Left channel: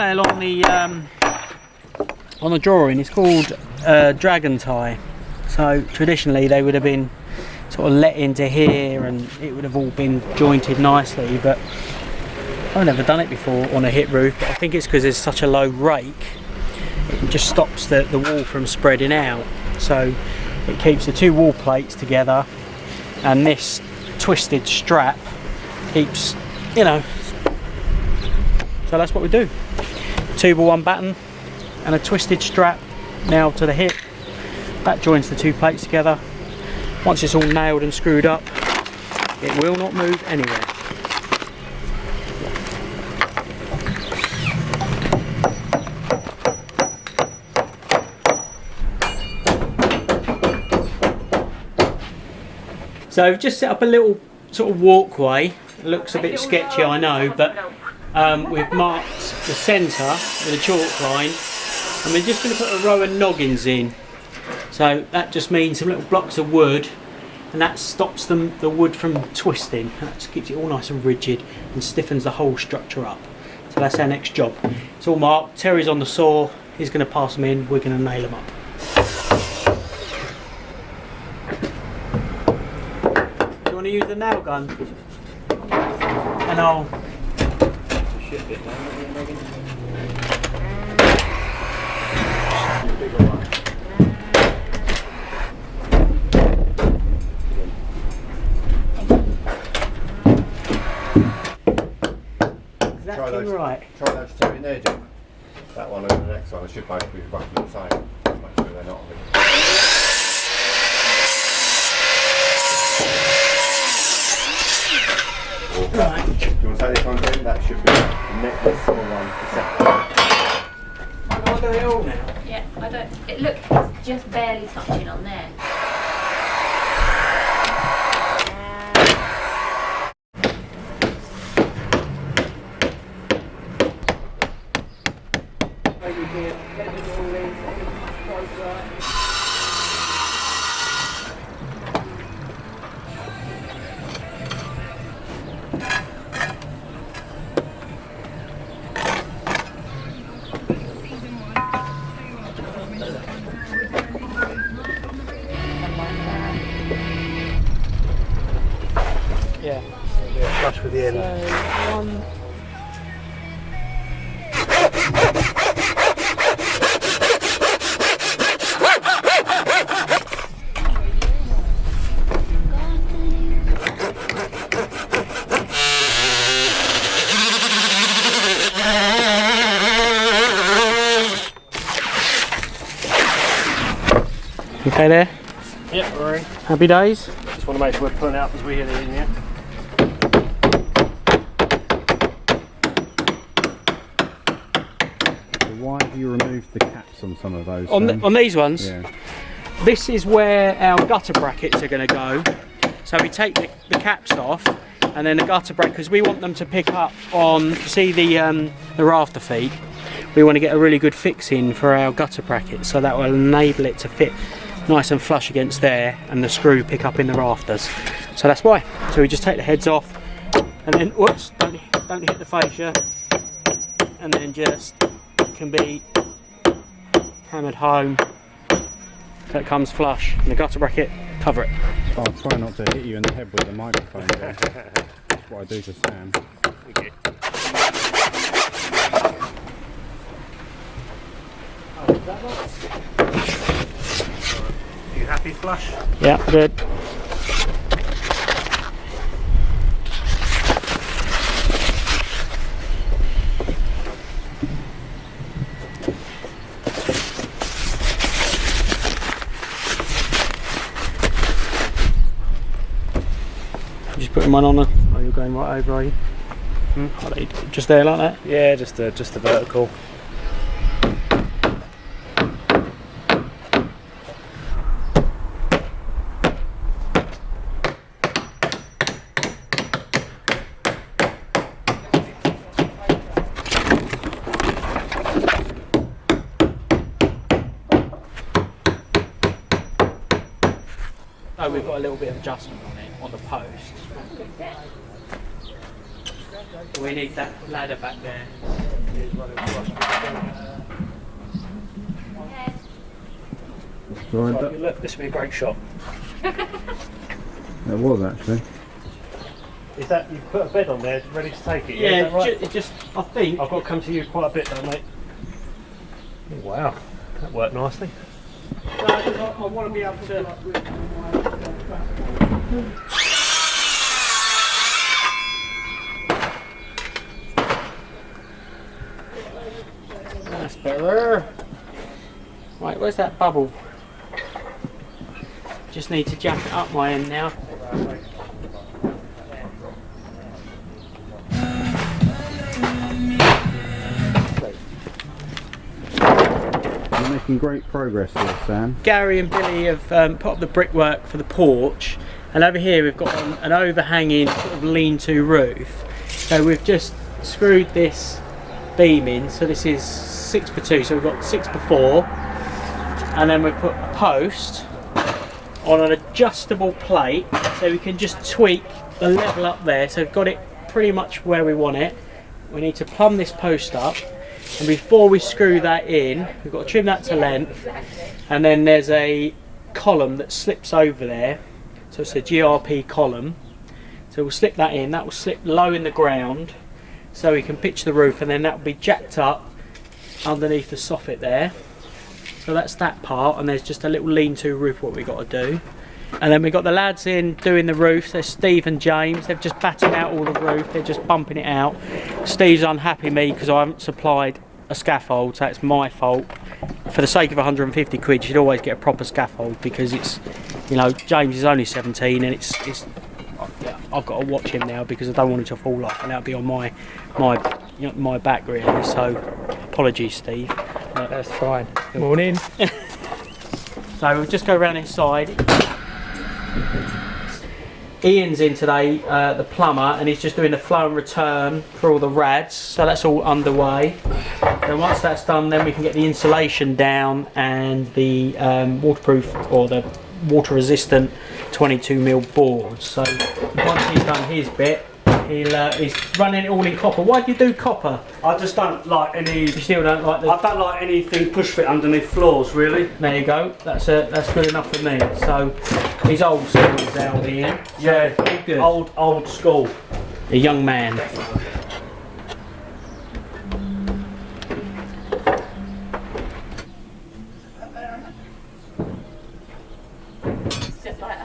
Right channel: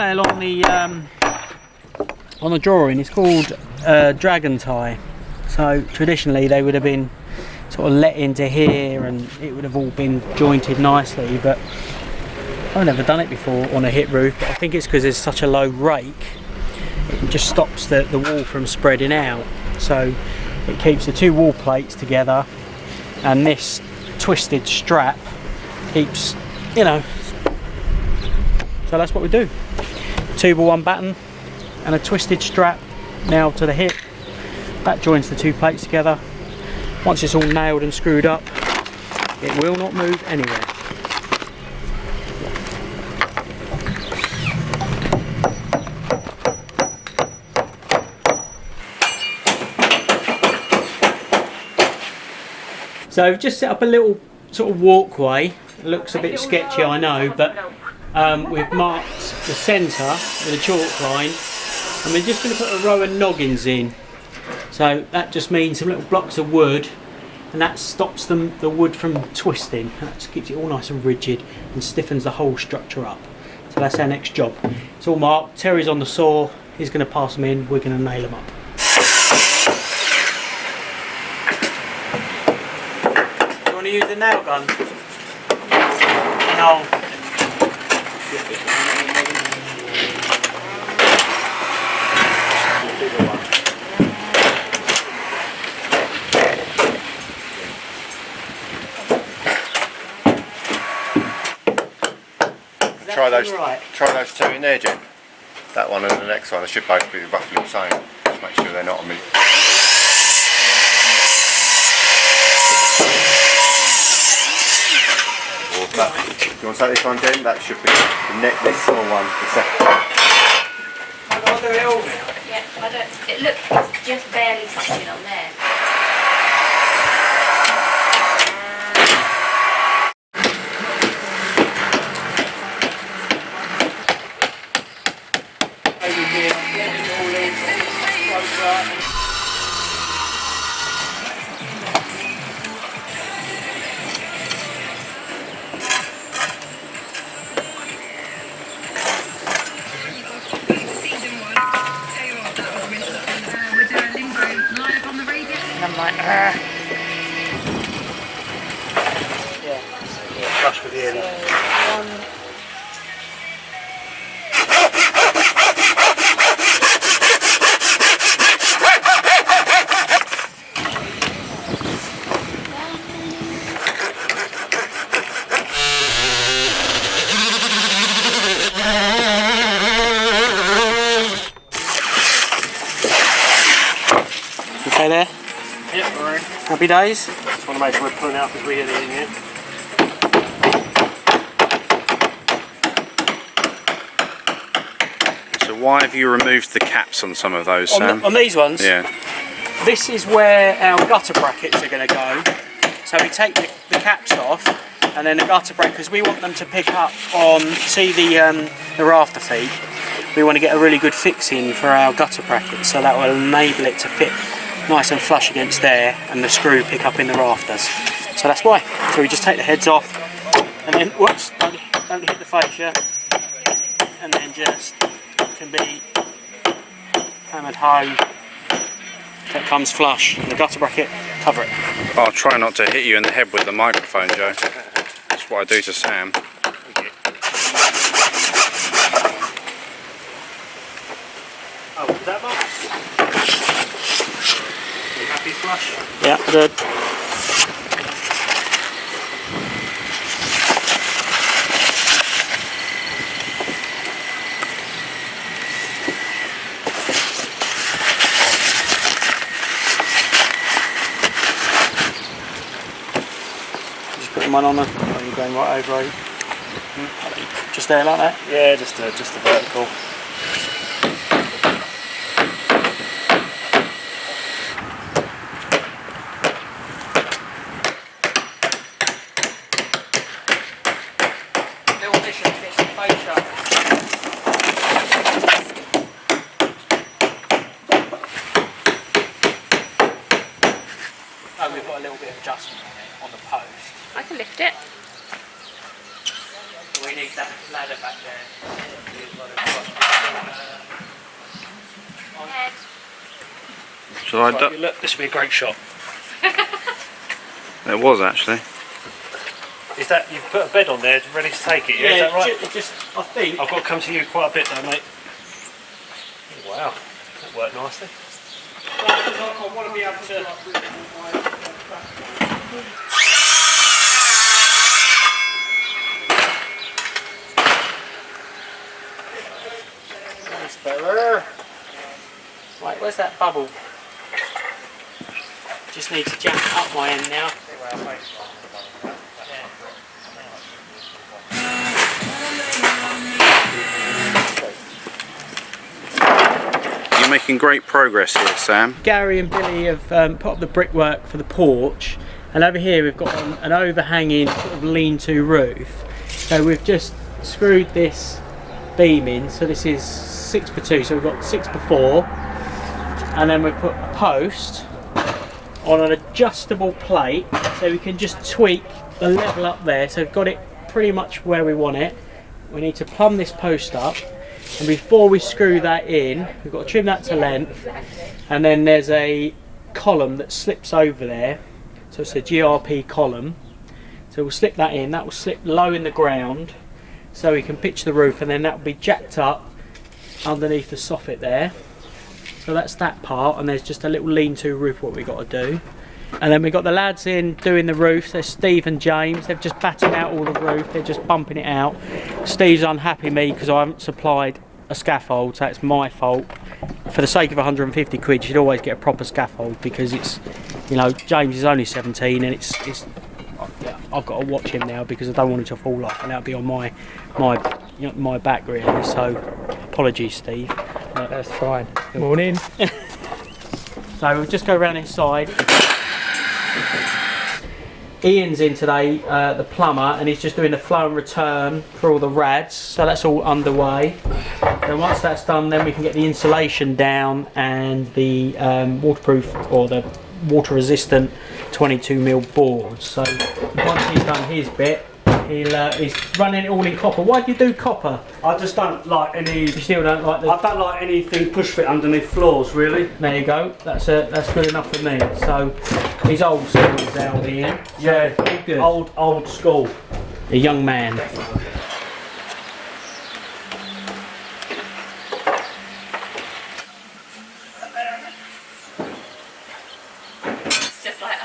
detail on the drawing is called dragon tie. So traditionally they would have been sort of let into here and it would have all been jointed nicely, but I've never done it before on a hip roof. But I think it's because there's such a low rake, it just stops the wall from spreading out. So it keeps the two wall plates together, and this twisted strap keeps, you know. So that's what we do. 2x1 batten and a twisted strap nailed to the hip. That joins the two plates together. Once it's all nailed and screwed up, it will not move anywhere. So I've just set up a little sort of walkway. It looks a bit sketchy, I know, but we've marked the centre with a chalk line, and we're just going to put a row of noggins in. So that just means some little blocks of wood, and that stops the wood from twisting. That just keeps it all nice and rigid and stiffens the whole structure up. So that's our next job. It's all marked. Terry's on the saw. He's going to pass them in. We're going to nail them up. Do you want to use the nail gun? And I'll... Try those two in there, Jim. That one and the next one. They should both be roughly the same. Just make sure they're not on me. Do you want to take this one, Jim? That should be the neck. This small one, the second one. I'll do it all now. Yeah, I don't. It looks it's just barely touching on there. Yeah, flush with the air. Okay there? Yep, alright. Happy days? Just want to make sure we're pulling out as we hit it in here. So why have you removed the caps on some of those, Sam? On these ones? Yeah. This is where our gutter brackets are going to go. So we take the caps off, and then the gutter brackets, we want them to pick up on, see the rafter feet. We want to get a really good fix in for our gutter brackets, so that will enable it to fit nice and flush against there, and the screw pick up in the rafters. So that's why. So we just take the heads off, and then whoops, don't hit the fascia, and then just can be hammered home so it comes flush, and the gutter bracket cover it. I'll try not to hit you in the head with the microphone, Joe. That's what I do to Sam. Oh, is that much? You happy flush? Yeah, good. Just putting one on the. Are you going right over? Are you? Just there like that? Yeah, just the vertical. Oh, we've got a little bit of adjustment on the post. I can lift it. We need that ladder back there. Shall I Right, look, this would be a great shot. It was actually. Is that, you've put a bed on there ready to take it, yeah? Is that right? I think. I've got to come to you quite a bit though, mate. Oh, wow, that worked nicely. I want to be able to. That's better. Right, where's that bubble? Just need to jack it up my end now. You're making great progress here, Sam. Gary and Billy have put up the brickwork for the porch, and over here we've got an overhanging sort of lean-to roof. So we've just screwed this beam in, so this is 6x2, so we've got 6x4, and then we put a post on an adjustable plate, so we can just tweak the level up there. So we've got it pretty much where we want it. We need to plumb this post up, and before we screw that in, we've got to trim that to length, and then there's a column that slips over there, so it's a GRP column. So we'll slip that in, that will slip low in the ground so we can pitch the roof, and then that will be jacked up underneath the soffit there. So that's that part, and there's just a little lean-to roof what we've got to do. And then we've got the lads in doing the roof. There's Steve and James. They've just battened out all the roof. They're just bumping it out. Steve's unhappy with me because I haven't supplied a scaffold, so it's my fault. For the sake of 150 quid, you should always get a proper scaffold, because it's, you know, James is only 17, and it's I've got to watch him now because I don't want him to fall off, and that'll be on my back really. So apologies, Steve. That's fine. Morning. So we'll just go around inside. Ian's in today, the plumber, and he's just doing the flow and return for all the rads, so that's all underway. So once that's done, then we can get the insulation down and the waterproof, or the water resistant 22mm boards. So once he's done his bit, he's running it all in copper. Why do you do copper? I just don't like any. You still don't like the... I don't like anything push fit underneath floors, really. There you go. That's good enough for me. So he's old school, now, Ian. Yeah, all good. Old school. A young man. It's just like,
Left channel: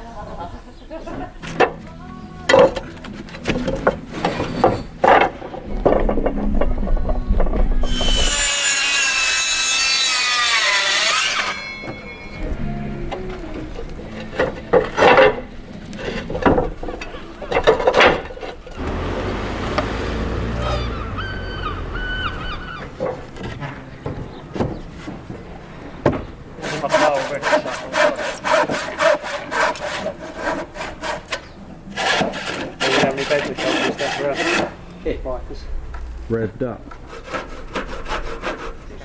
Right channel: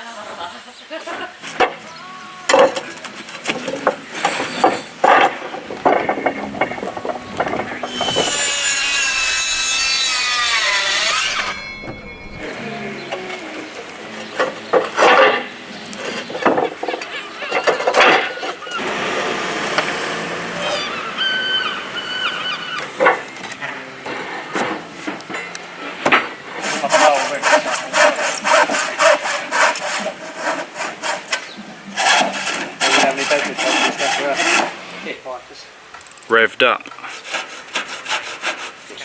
Revved up.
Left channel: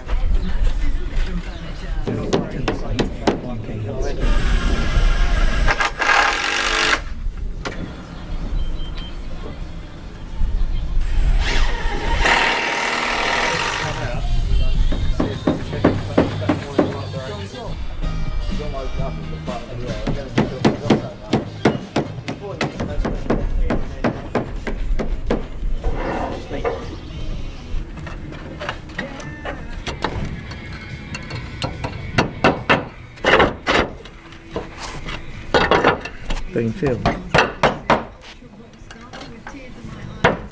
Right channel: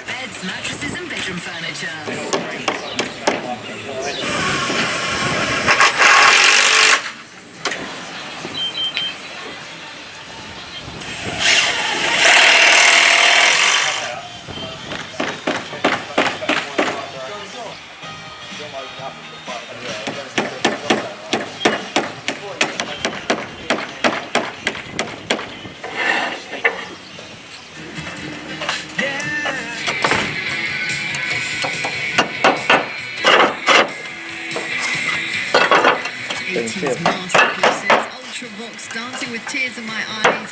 Beds, mattresses and bedroom furniture. Ultra Vox, dancing with tears in my eyes.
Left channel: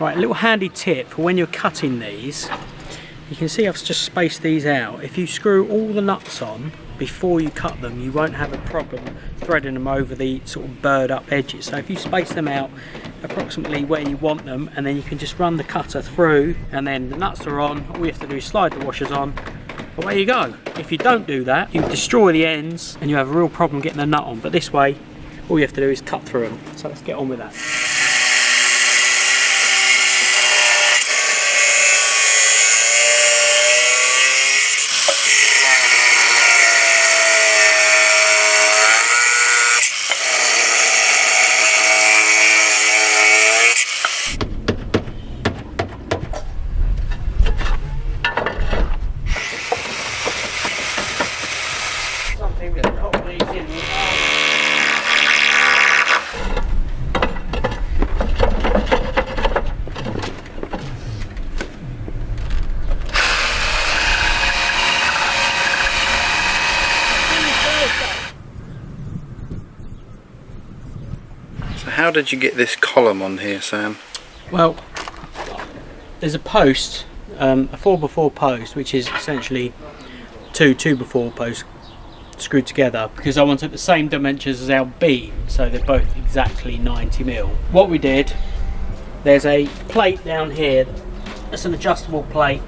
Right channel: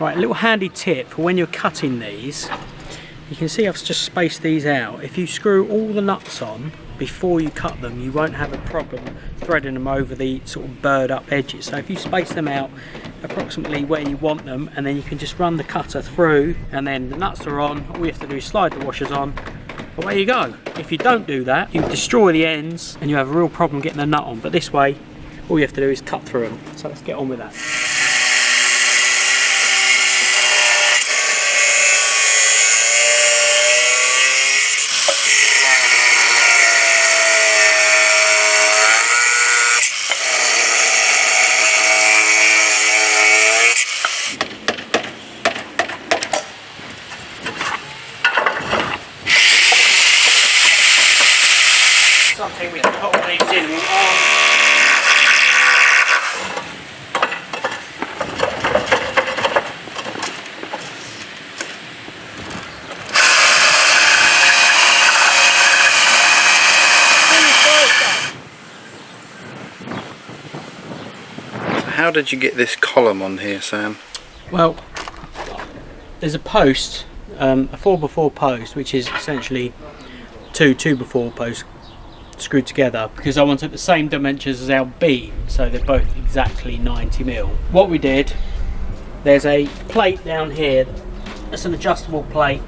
Right, a little handy tip for when you're cutting these. You can see I've just spaced these out. If you screw all the nuts on before you cut them, you won't have a problem threading them over the sort of burred up edges. So if you space them out approximately where you want them, and then you can just run the cutter through, and then the nuts are on, all you have to do is slide the washers on, away you go. If you don't do that, you destroy the ends and you have a real problem getting the nut on, but this way all you have to do is cut through them. So let's get on with that. Something we can put these in. How did you get this column on here, Sam? Well, there's a post, a 4x4 post, which is essentially two 2x4 posts screwed together because I wanted the same dimensions as our beam, so they're both exactly 90mm. What we did, there's a plate down here, that's an adjustable plate,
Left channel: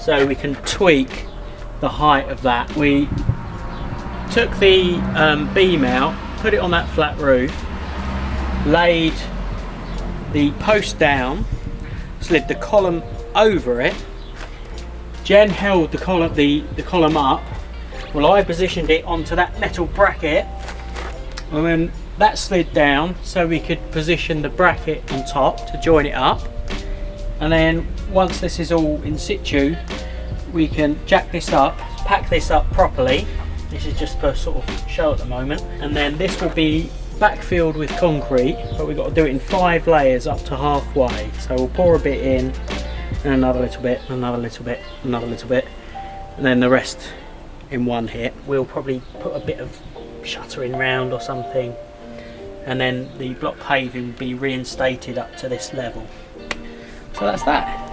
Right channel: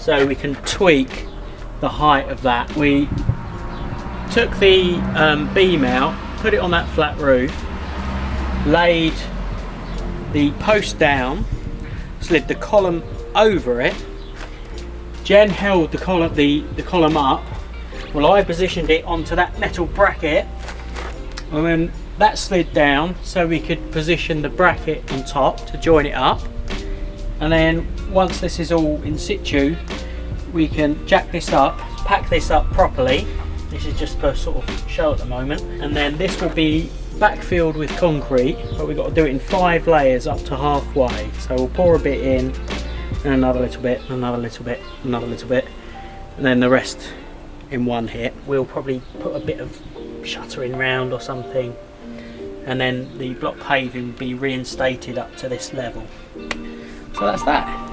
so we can tweak the height of that. We took the beam out, put it on that flat roof, laid the post down, slid the column over it. Jen held the column up while I positioned it onto that metal bracket, and then that slid down so we could position the bracket on top to join it up. And then once this is all in situ, we can jack this up, pack this up properly. This is just for sort of show at the moment, and then this will be backfilled with concrete, but we've got to do it in 5 layers up to halfway. So we'll pour a bit in, and another little bit, another little bit, another little bit, and then the rest in one hit. We'll probably put a bit of shuttering round or something, and then the block paving will be reinstated up to this level. So that's that.